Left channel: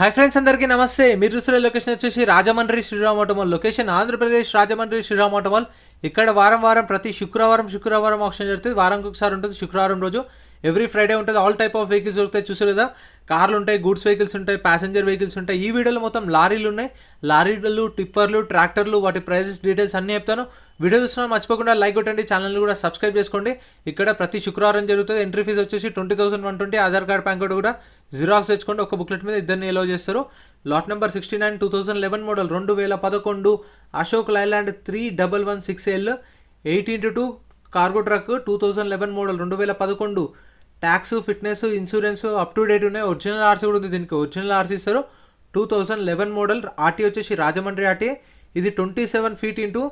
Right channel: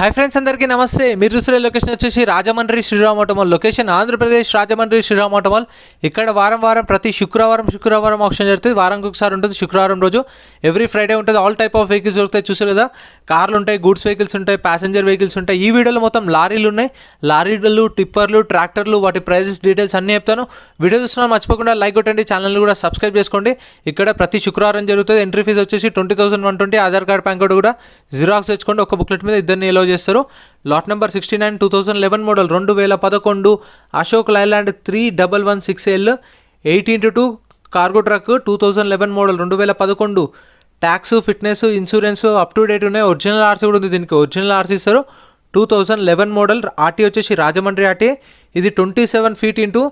Hi friends, అందరికీ నమస్తే. మీరు చూసిన లొకేషన్ వచ్చేసి Rajahmundry Sriram auto mall. Location Andhra Pradesh Rajahmundry Sriram auto mall. ఇక్కడ వారం ప్రతి శుక్రవారం ఆప్షన్ జరుగుతుంది. వారానికి ఒకసారి ఉంటుంది. శుక్రవారం రోజు ఎవ్రీ ఫ్రైడే ఉంటుంది. ఆల్ టైప్ ఆఫ్ వెహికల్స్ దొరుకుతాయి. చూసారు కదా, కార్లు ఉంటాయి, గూడ్స్ వెహికల్స్ ఉంటాయి, ప్యాసింజర్ వెహికల్స్ ఉంటాయి. ఈ వీడియోలో మొత్తం లారీలు ఉన్నాయి. లారీలు, టిప్పర్లు, ట్రాక్టర్లు, వాటి ప్రైజెస్, డీటెయిల్స్ అన్నీ చెప్తాను. వీడియో చూస్తున్నా మర్చిపోకుండా లైక్ కొట్టండి, ఛానల్ కూడా సబ్స్క్రైబ్ చేసుకోండి. ఇక్కడ ప్రతి శుక్రవారం జరుగుతుంది. ఎంట్రీ ఫీజు వచ్చేసి 20,120. ఆధార్ కార్డ్, పాన్ కార్డు కూడా జిరాక్స్ తెచ్చుకోండి. ఒక బుక్లెట్ మీద ఇద్దరిని ఎలో చేస్తారు. Lot number 69 2011 model 2011 Ashok Leyland 3116L 8x2 cargo truck 2011 model 2011. Tax, fitness, insurance up to date ఉన్నాయి. ఒరిజినల్ ఆర్సీ కూడా ఉంది. దీనికి ఒరిజినల్ ఆర్సీ ఇస్తారు. 2011 మోడల్. ఆర్టీ వచ్చేసి రాజమండ్రి ఆర్టీ. ఇది 27 feet into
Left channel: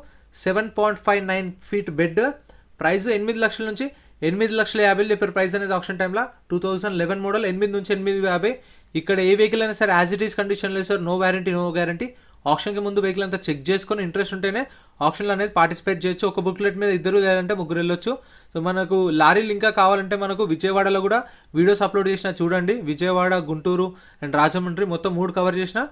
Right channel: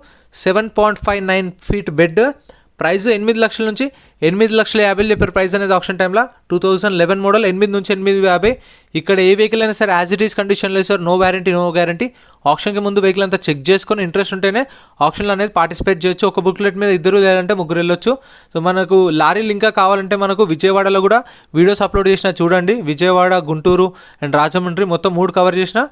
7.59 feet bed. Price 8 లక్షల నుంచి 8,50,000 చెప్పారు ప్రైస్ అనేది ఆప్షన్ టైంలో. 2011 మోడల్ 8 నుంచి 8,50,000. ఇక్కడ ఏ వెహికల్ అయినా సరే యాజ్ ఇట్ ఈస్ కండిషన్లో sir, no warranty, no guarantee. ఆప్షన్కి ముందు వెహికల్ అంతా చెక్ చేసుకొని ఇంట్రెస్ట్ ఉంటేనే ఆప్షన్లో అనేది పార్టిసిపేట్ చేయొచ్చు. ఒక బుక్లెట్ మీద ఇద్దరు లేదంటే ముగ్గురు వెళ్ళొచ్చు. సో మనకు లారీలు ఇంకా కావాలంటే మనకు విజయవాడలో కూడా వీడియోస్ అప్లోడ్ చేసిన చూడండి. విజయవాడ, గుంటూరు అండ్ రాజమండ్రి మొత్తం 3 కవర్ చేసిన.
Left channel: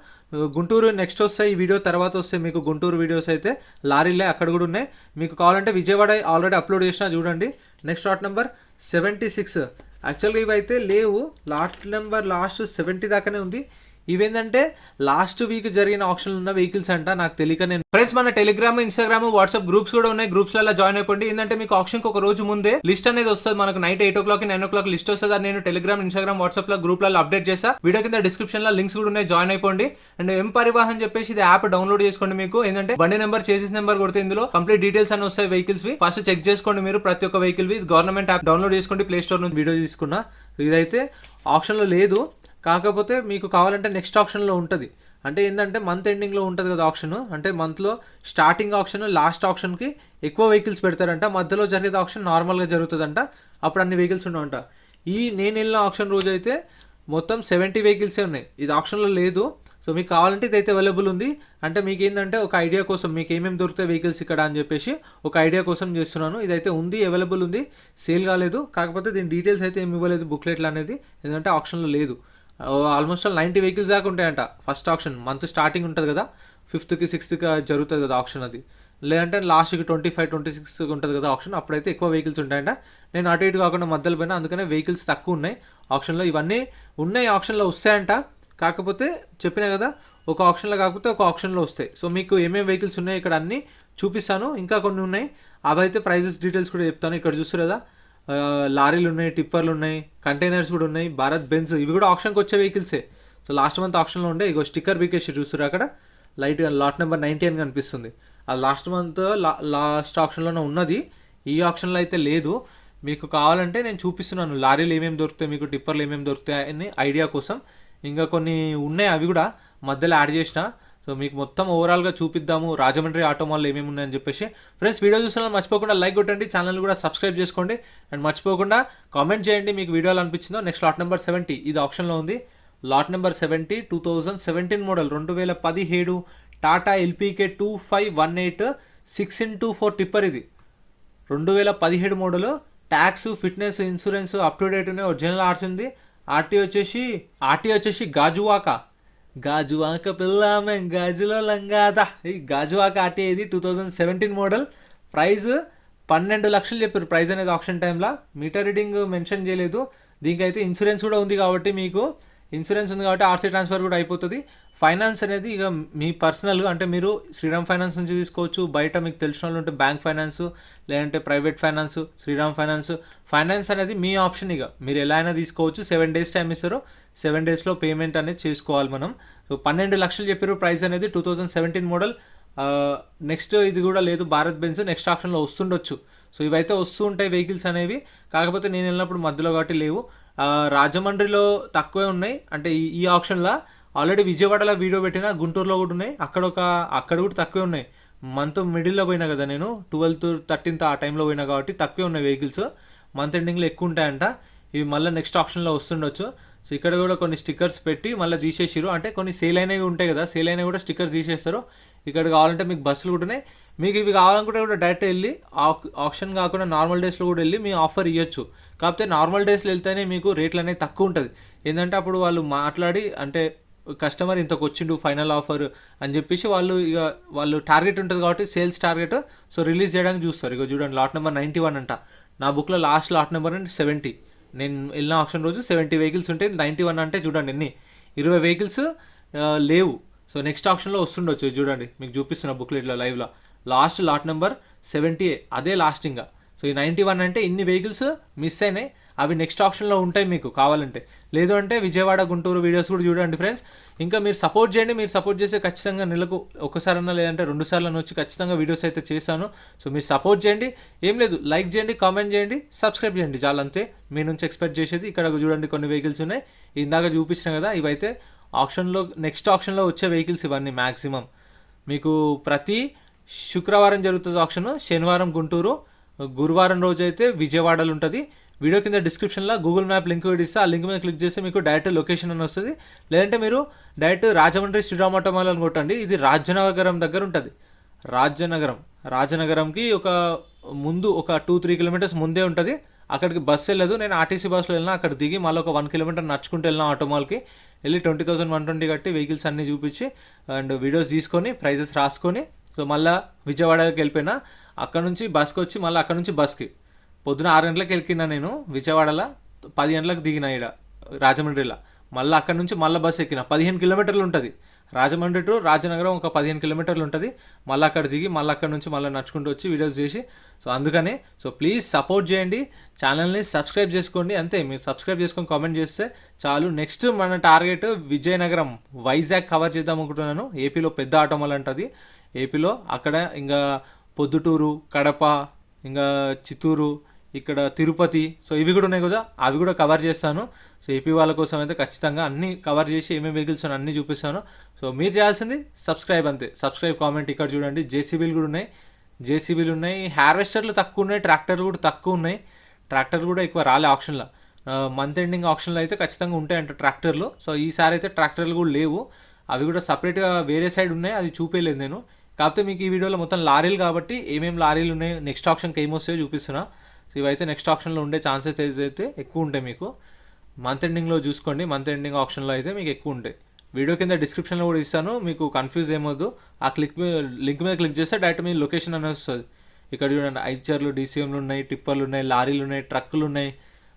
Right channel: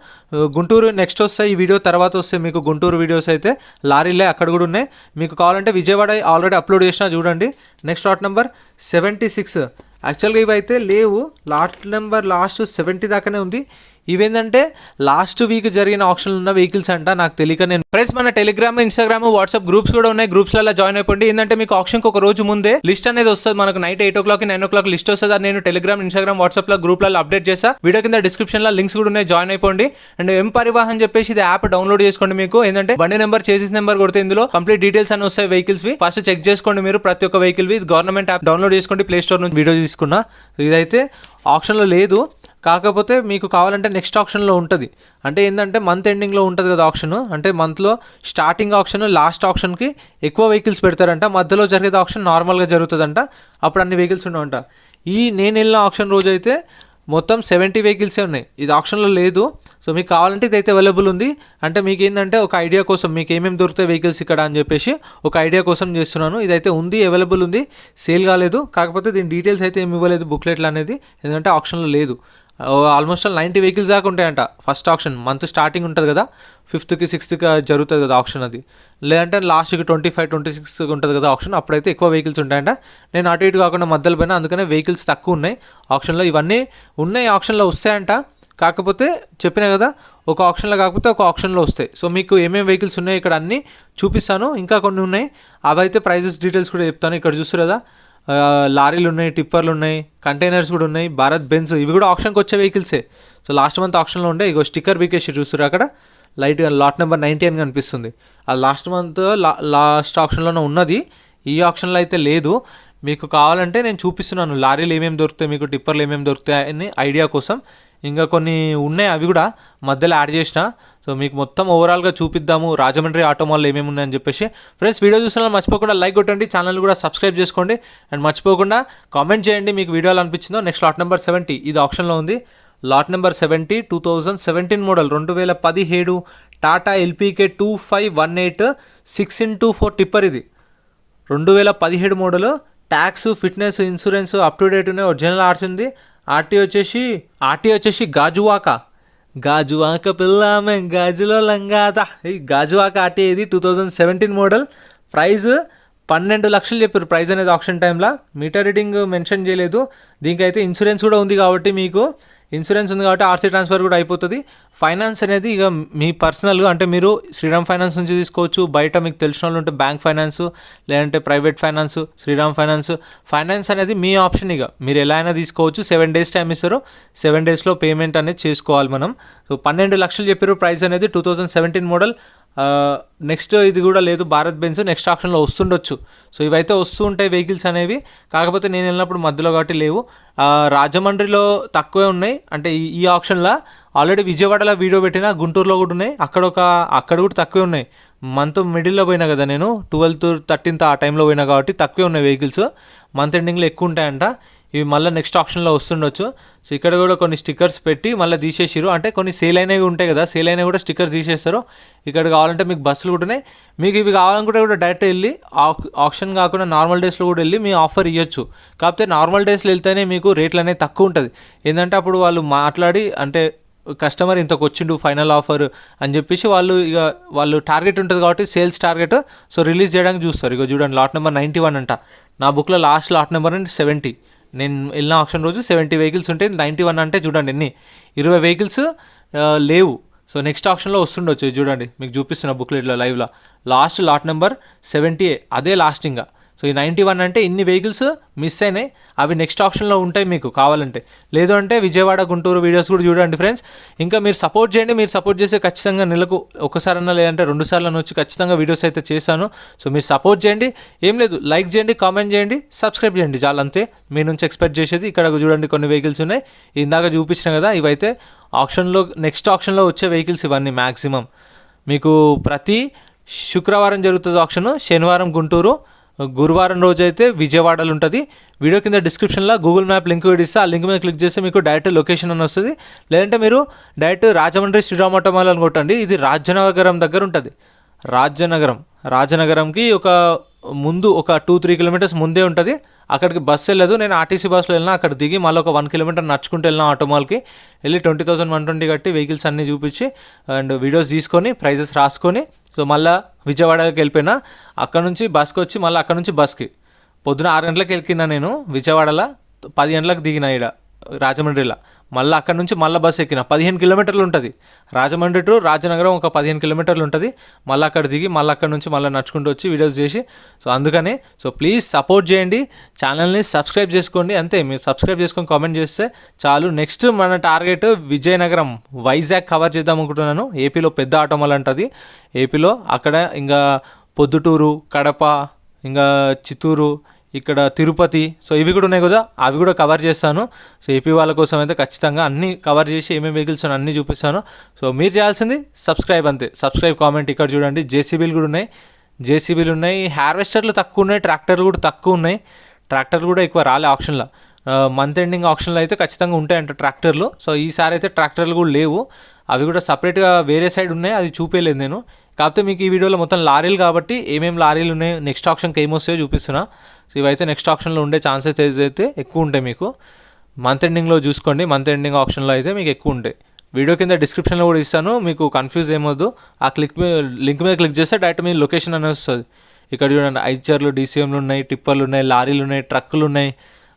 గుంటూరు నెక్స్ట్ వస్తాయి, ఈ వీడియో తర్వాత వస్తాయి మీకు గుంటూరు వీడియోస్ అయితే. లారీలే అక్కడ కూడా ఉన్నాయి. మీకు కావాలంటే విజయవాడ ఆల్రెడీ అప్లోడ్ చేసిన చూడండి. Next lot number 76. యాక్చువల్గా ఇవి అయితే లేవు. లాట్ నెంబర్ లాస్ట్ 70 దాకానే ఉంది. ఇవేంటంటే లాస్ట్ వీక్ జరిగిన ఆప్షన్లు ఉన్న వెహికల్స్ అంట. నాకు తెలియక నేను ఫ్రెండ్స్ మన టెలిగ్రామ్, ఇన్స్టాగ్రామ్, వాట్సాప్ గ్రూప్స్ కూడా ఉన్నాయి. గ్రూప్స్లలో జాయిన్ అయిపోండి. ఏంటంటే మీకు ఆప్షన్కి ఒక రోజు ముందే లిస్ట్ అనేది వస్తుంది. మనకు నైట్ 8 o'clock 9 o'clock లిస్ట్ వస్తుంది. అది నేను టెలిగ్రామ్, ఇన్స్టాగ్రామ్, వాట్సాప్లో గ్రూప్లలో అప్డేట్ చేస్తా. వీడియో కింద డిస్క్రిప్షన్లో లింక్స్ కూడా ఉన్నాయి, జాయిన్ అయిపోండి. అండ్ ఎం పరివాహన్ చెప్పేసి ఇది యాప్ డౌన్లోడ్ చేసుకోండి. మీకు ఏంటంటే బండి నెంబర్, చేసిస్ నెంబర్ కొడితే ఇందులో కంప్లీట్ డీటెయిల్స్ అని వస్తాయి వెహికల్స్ వి. ఫస్ట్ చెక్ చేసుకోండి మీరు ప్రతి ఒక్క వెహికల్ వి. గవర్నమెంట్ యాప్ డౌన్లోడ్ చేసుకోండి. ప్లే స్టోర్ నుంచి వీడియో తీసుకున్నా. ఇదైతే ఆప్షన్లో లేదు, కాకపోతే మీకు కావాలంటే నెక్స్ట్ ఆప్షన్లో ఉంటుంది. అంటే ఏంటంటే మంత్ ఎండింగ్లో ఉంటుంది కదా ఆప్షన్. అంటే మంత్లో స్టార్టింగ్ ఆప్షన్, లాస్ట్ ఆప్షన్కి ఎక్కువ వెహికల్స్ పెడతారంట. మధ్యలో జరిగేది ఆప్షన్ నార్మల్గా జరుగుతుందంట. అప్పుడు అన్ని వెహికల్స్ ఉండవంట. నేను వెళ్ళిన ఆప్షన్ రోజు అయితే మొత్తం 70 వెహికల్సే ఉన్నాయి. ఇది ఆప్షన్లో లేదు. సో మీకు కావాలంటే ఇదైతే అవైలబుల్ ఉంది. అంటే మీకు ఏంటంటే ఒక ఐడియా కోసం, మీకు ఏమేమి దొరుకుతాయి వెహికల్స్ ఇక్కడ అని చెప్పేసి ఒక ఐడియా కోసం చేస్తున్నాను. ఇదైతే ఉంది, అవైలబుల్ ఉంది, సేల్ కాలేదు. కాకపోతే దీని డీటెయిల్స్ అయితే ఏమి ఇవ్వలేదు బుక్లెట్లు అనేది, ఎందుకంటే ఆప్షన్లో లేదు. ఆల్మోస్ట్ 90 వెహికల్స్ దాకా ఉంటాయంట. ఫస్ట్ ఆప్షన్ మంత్ స్టార్టింగ్ ఉంటుంది కదా, 5th 6th జరుగుతుంది కదా ఆప్షన్. అది లేదంటే లాస్ట్కి 25 26 ఉంటుంది కదా ఆప్షన్. అప్పుడైతే ఎక్కువ వెహికల్స్ ఉంటాయంట. నేను అటు ఇటు కాకుండా మధ్యలో పోయినా, అందుకనే వెహికల్స్ తక్కువ ఉన్నాయి ఆప్షన్లో. ఇవన్నీ ఉన్నాయి ఆప్షన్లో వస్తాయంట. కాకపోతే చెప్పినా కదా, ఒక ఆప్షన్లో కాకపోతే ఒక ఆప్షన్లో వస్తాయి. సో మీకు ఏమేమి వెహికల్స్ ఉన్నాయి ఇక్కడ అన్నీ చూపిస్తాను. ఇంకా కొన్ని ఉన్నాయి, అవైతే ప్రైజెస్ డీటెయిల్స్ కూడా చెప్తాను. ఇక్కడ చూస్తారు కదా, లారీలు ఉన్నాయి, టిప్పర్లు ఉన్నాయి, కంటైనర్స్ కూడా ఉన్నాయి, భారత్ బెన్స్, ఇవి కూడా ఆప్షన్కి వచ్చే వెహికల్సే. సో లాస్ట్ మంత్ ఆప్షన్లో ఉండే. ఇగో స్టిక్కర్ బీకేసి చూస్తారు అక్కడ లైట్గా లాట్ నెంబర్ 90 అని కనిపిస్తుంది. ఆ లాస్ట్ మంత్ లాస్ట్ ఆప్షన్లోనే ఉన్నది. ఈ ఆప్షన్లో అయితే లేదు. మీకు కావాలంటే నేను చూపిస్తున్నాను లారీలు ఏమేమి దొరుకుతాయి, మీకు టిప్పర్లు ఏమేమి దొరుకుతాయి అని ఐడియా కోసం. ఇంకా కొన్ని ఉన్నాయి, అవి కూడా మధ్యలో యాడ్ చేసిన. సో మీకు మొత్తం ఓవరాల్గా చూపిద్దాము రాజమండ్రి ఆటోమాల్లో ఏమేమి ఉన్నాయని చెప్పేసి. ఫ్రెండ్స్ వీడియో చూస్తున్నా మర్చిపోకుండా లైక్ కొట్టండి, ఛానల్ కూడా సబ్స్క్రైబ్ చేసుకోండి. అండ్ మర్చిపోకుండా కామెంట్ చేయండి మీకు వీడియోలో అనిపించిందో. నెక్స్ట్ లాట్ నెంబర్ 70, ఇది ఆప్షన్లో ఉంది. Lot number 70 2017 model 2017 Tata ఎల్పీకే 2518 6x4 tipper. ఇది 2017 model. Tax, fitness, insurance up to date ఉన్నాయి. ఒరిజినల్ ఆర్సీ ఉంది. ఆర్టీ వచ్చేసి గాజువాక పిల్లమే గాజులో లంగాదా. ఈ గాజువాక ఆర్టీ ఇది 2017 మోడల్. ప్రైస్ 12 లక్షలు చెప్పారు ప్రైస్ అనేది ఆప్షన్ టైంలో. మీటర్ రీడింగ్ మెన్షన్ చేయలేదు. దీనికైతే ఇన్సూరెన్స్ కూడా ఉంది కాబట్టి, మీకు ఇన్సూరెన్స్ ఉంది కాబట్టి ఆర్సీ ట్రాన్స్ఫర్ కూడా అయిపోతుంది. ఫైనాన్స్ అనేది ఇక మీ పర్సనల్గా, అంటే మీరు శ్రీరామ్ ఫైనాన్స్ నుంచి తీసుకోవచ్చు. బయట మీకు తెలిసిన వాళ్ళు ఉంటే బ్యాంక్ ఫైనాన్స్, లేదంటే ప్రైవేట్ ఫైనాన్స్, శ్రీరామ్ ఫైనాన్స్ అనేది మీ ఆప్షన్. ఇక మీరు ఎలా అయినా తీసుకోవచ్చు. 7 days టైం ఇస్తారు. 7 daysలో పేమెంట్ అనేది చేసుకోవాలి మనం. సో 12 లక్షలు చెప్పారు ప్రైస్ అనేది 2017 మోడల్. నెక్స్ట్ ఇది కూడా లేదు, భారత్ బెన్స్ నెక్స్ట్ ఆప్షన్లో వస్తుండొచ్చు. సో ఇవైతే వస్తూ ఉంటాయి వెహికల్స్ అనేవి. కాకపోతే నేను వెళ్ళినప్పుడు మధ్యలో కాబట్టి లేవు. రాజమండ్రిలో తక్కువే ఉన్నాయి. అంటే ఈ ఆప్షన్లో ఆల్రెడీ విజయవాడలో వీడియో పెట్టినా, గుంటూరులో కూడా ఉన్నాయి. అక్కడ కూడా తక్కువే ఉన్నాయి. మంత్ మిడిల్లో పోయినా కదా నేను, 12th 13th ఆ టైంలో పోయినా కాబట్టి తక్కువే ఉన్నాయి వెహికల్స్. మంత్ ఎండింగ్లో ఎక్కువ ఉంటాయంట. ఇవి మళ్ళీ నెక్స్ట్ ఆప్షన్లో వస్తుండొచ్చు. సో ఇక్కడ కూడా కొన్ని స్టిక్కర్స్ పెట్టి మళ్ళీ తీసేసారు. అంటే కొన్ని సేల్ అయినవి ఉంటాయి కదా, సేల్ అయినవి కూడా స్టిక్కర్స్ తీసేస్తారు. ఇక్కడ కావాలంటే మీకు బస్సులు కూడా ఉన్నాయి. మీకు ఇవి కావాలనుకుంటే కూడా డైరెక్ట్ వెళ్ళి ఆప్షన్ కాకుండా నార్మల్ డేస్లో కూడా వెళ్ళి మీ ఆఫర్ ఇవ్వచ్చు. కాకపోతే నార్మల్ డేస్లో వెళ్తేనే మీకు రేట్లు అనేది తక్కువ ఉంటుంది. ఏంటంటే అప్పుడు వాళ్ళు మాట్లాడి, అంటే కస్టమర్ ఇంతకు వచ్చిండు ఫైనల్ ఆఫర్ అని చెప్పేసి వాళ్ళు టార్గెట్ ఉంటుంది కాబట్టి సేల్స్ టార్గెట్, సో రిలీజ్ చేయడానికి చూస్తారు. ఇక చూడండి లాట్ నెంబర్ 91 అంట, నా బుక్లో లాస్ట్ లాట్ నెంబర్ అంటే 70. నేను వెళ్ళిన ఆప్షన్ రోజు 70 వెహికల్స్ ఉంటాయి. 91 అంటే చూడండి ఎన్ని, 20 వెహికల్స్ లేవు. సో నెక్స్ట్ ఆప్షన్లో వస్తుండొచ్చు. చూడండి మీకు చూపిస్తున్న బుక్లెట్లో లైవ్లో లాస్ట్ లాట్ నెంబర్ 70, అదే లాస్ట్ ఇంకా. సో ఈ 91 అంటే ఇన్ని వెహికల్స్ మిస్ అయినాయి, అవి నెక్స్ట్ ఆప్షన్లో ఉంటాయి మీకు కావాలంటే. లేదు అంటే విజయవాడ గుంటూరు వీడియోస్ కూడా చూడండి ఫ్రెండ్స్. ఇంకా మీరు సపోర్ట్ చేయండి, మీరు సపోర్ట్ చేస్తే ఖచ్చితంగా నెలకు ఒకసారన్నా లేదంటే 2 సార్లు వచ్చి ఖచ్చితంగా వీడియోస్ అయితే చేశాను. సో మీరు సపోర్ట్ చేయండి, ఏం లేదు, లైక్ చేయండి, కామెంట్ చేయండి, సబ్స్క్రైబ్ చేయండి, చాలా అంతే మీ నుంచి ఎక్స్పెక్ట్ చేసేది. ఇక్కడ చూడండి కొన్ని వెహికల్స్ ఉన్నాయి, ఇందాక చూపించిన కదా, ఇవైతే ఆప్షన్లో నెక్స్ట్ ఆప్షన్లో వచ్చే వెహికల్స్ ఇవన్నీ మ్యాక్సిమం. మీకు ప్రతి శుక్రవారం జరుగుతుంది ఆప్షన్, శనివారం గుంటూరు, గురువారం రోజు అయితే విజయవాడలో ఉంటుంది. వీడియో కింద డిస్క్రిప్షన్లో గూగుల్ మ్యాప్ లింక్ ఇస్తే ఆ లింక్ మీద క్లిక్ చేస్తే మీకు డైరెక్ట్ లొకేషన్ అని వస్తుంది. లేదంటే మీరు డైరెక్ట్ రాజమండ్రి శ్రీరామ్ ఆటోమాల్ అని కొట్టండి. ఇది రాజనగరం దగ్గర ఉంటుంది. రాజనగరంకి ఒక ముందు ఒక 2-3 కిలోమీటర్స్ ముందే ఉంటుంది. అక్కడికి బస్సు వెళ్ళదు, నేను ఆర్టీసీ బస్సులో వెళ్ళినా, అక్కడ దిగి మళ్ళీ ఒక 1 కిలోమీటర్ నడుచుకుంటూ వెళ్ళిన ఆటోమాల్కి వెళ్ళి 20,120 కట్టి వెహికల్స్ అన్నీ చూపించి అండ్ వీడియోస్ తీసుకొని ప్రైజెస్ రాసుకొని, సో మళ్ళీ విజయవాడకి వెళ్ళిపోయినా. అక్కడ నుంచి బస్కి వచ్చి మళ్ళీ అక్కడ నుంచి బస్కి పొద్దున 6 గంటలకు వెళ్ళినా నేను విజయవాడలో, 10 గంటలకు దిగిన ఇక్కడ రాజమండ్రిలో. మళ్ళీ అక్కడ నుంచి మళ్ళీ బస్సు ఎక్కిన 15 కిలోమీటర్లు ఉంటుంది. రాజమండ్రి టు రాజనగరం ఒక 15 కిలోమీటర్లు ఉంటుంది. మళ్ళీ అక్కడ దిగి మళ్ళీ అక్కడ నుంచి మళ్ళీ నడుచుకుంటూ వచ్చి వీడియోస్ చేసి, సో అందుకని సో ప్లీజ్ సపోర్ట్ చేయండి, ఛానల్ని సబ్స్క్రైబ్ చేసుకోండి. అంతే, మీరు సబ్స్క్రైబ్ చేసుకొని కామెంట్ చేస్తే చాలు. నెక్స్ట్ మన టార్గెట్ విజయనగరం, వైజాగ్ కవర్ చేద్దాం అనుకుంటున్నాను. ఏపీలో పెద్ద ఆటోమాల్ అంటుంది ఏపీలో. అక్కడ ఇంకా పొద్దుటూరు, కడప, ఇంకా చిత్తూరు, ఇక్కడ తిరుపతి, సో ఇవి కూడా ఉన్నాయి కదా, అవి కూడా కవర్ చేస్తాను. సో ఏపీ వాళ్ళ కోసం అయితే ఖచ్చితంగా అన్నీ కవర్ చేసి ఏమేమి వెహికల్స్ అన్నీ చూపిస్తాను. సో మీరు చేయాల్సింది సబ్స్క్రైబ్, అంతే. Subscribe, comment. ఇక్కడ చూడండి జేసీబీలు కూడా ఉన్నాయి, హార్వెస్టర్లు తక్కువ ఉన్నాయి, ట్రాక్టర్లు కూడా తక్కువ ఉన్నాయి. ట్రాక్టర్లు కూడా ఎక్కువ రాలే ఆప్షన్లో. మంత్ ఎండింగ్ ఆప్షన్లో అయితే ఖచ్చితంగా ఉంటాయంట ట్రాక్టర్లు. సో ఈసారి అయితే ట్రాక్టర్లు కూడా లేవు, అవి కూడా సపరేట్గా వేరే సైడ్ ఉన్నాయి, అది చూపించలేదు నేను. కాకపోతే మీకు ఈ వీడియోలో మొత్తం లారీలు కాబట్టి ఏమేమి లారీలు ఉన్నాయి, నెక్స్ట్ ఆప్షన్కి ఏమొస్తాయో చూపిస్తున్నా. సో ఇవైతే నెక్స్ట్ ఆప్షన్లో ఉండే ఛాన్సెస్ అయితే ఎక్కువ ఉంటాయి మీకు. మంత్ ఎండింగ్లో చూసుకోండి, మంత్ ఎండింగ్ ఆప్షన్లో అయితే మీకు ఎక్కువ ఉంటాయి. వీడియో కింద డిస్క్రిప్షన్లో కూడా ఇస్తాను, మీకు కన్ఫ్యూజ్ ఏమొద్దు. ఆ లింక్ మీద క్లిక్ చేస్తే డైరెక్ట్ మీ లొకేషన్ అనేది వస్తుంది. ఇక్కడ చూడండి ఐచర్లు, డీసీఎంలు ఉన్నాయి, టిప్పర్లు ఉన్నాయి, లారీలు ఉన్నాయి, ట్రక్కులు ఉన్నాయి,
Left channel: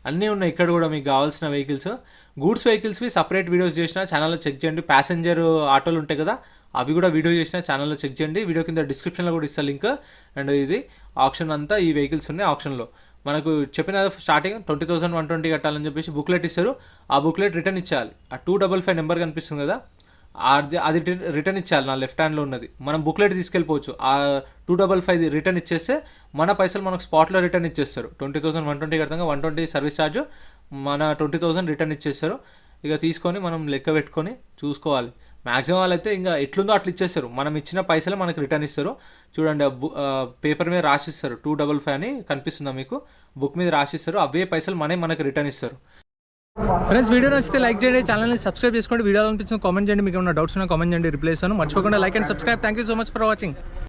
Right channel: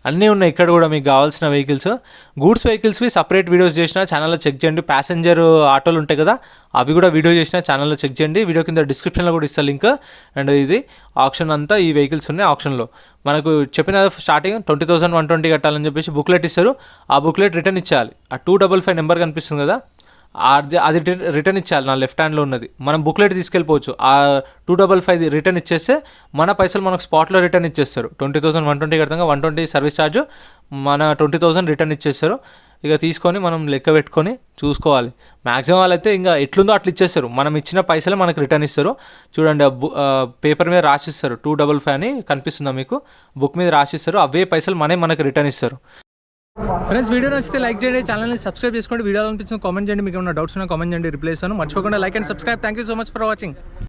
అన్నీ ఉన్నాయి. ఇక్కడ కూడా మీకు కావాల్సిన వెహికల్స్, గూడ్స్ వెహికల్స్వి సపరేట్ వీడియోస్ చేసిన ఛానల్లో చెక్ చేయండి. ప్యాసింజర్ ఆటోలు ఉంటాయి కదా, అవి కూడా వీడియో చేసిన ఛానల్లో చెక్ చేయండి. వీడియో కింద డిస్క్రిప్షన్లో కూడా ఇస్తా లింక్. అండ్ ఇది ఆప్షన్ అంతా ఈ వెహికల్స్ ఉన్నాయి ఆప్షన్లో. మనకు చెప్పిన స్టార్టింగ్ 20,120 కట్టాలని చెప్పేసి బుక్లెట్ ఇస్తారు. ఆ బుక్లెట్ రిటర్న్ ఇచ్చేయాలి. ఆ 255 నెంబర్ కనిపిస్తుంది కదా, అది రిటర్న్ ఇచ్చేయాలి. నా లెఫ్ట్ హ్యాండ్లో ఉన్నది మనం బుక్లెట్ తీసుకెళ్ళిపోవచ్చు. ఆ 255 రిటర్న్ ఇచ్చేస్తే మన పైసలు మనకు స్పాట్లో రిటర్న్ ఇచ్చేస్తారు. 20,120 కడతాం, 120 సర్వీస్ ఛార్జ్, మన 20,000 రిటర్న్ ఇచ్చేస్తారు. ఇక తీసుకొని మనం లెక్క పెట్టుకొని చూసుకోవాలి. మ్యాక్సిమం వాళ్ళైతే ఇంకా ఎట్లుందో అట్లా ఇచ్చేస్తారు, మనం ఇచ్చిన పైసలు మనకు రిటర్న్ ఇస్తారు. చూడండి పేపర్ మీద రాసిస్తారు 255 అని కనిపిస్తుందా మీకు, బుక్ మీద రాసిస్తారు, అవే పైసలు మనకు రిటర్న్ ఇస్తారు. ఫ్రెండ్స్ వీడియో నచ్చితే లైక్ చేయండి, ఛానల్ని సబ్స్క్రైబ్ చేసుకోండి, వీడియో అనిపించిన కామెంట్ చేయండి, మీకు ఏమైనా డౌట్స్ ఉన్నా కామెంట్ చేయండి, రిప్లై ఇస్తాను. మర్చిపోకుండా like and subscribe. Thank you so much for watching.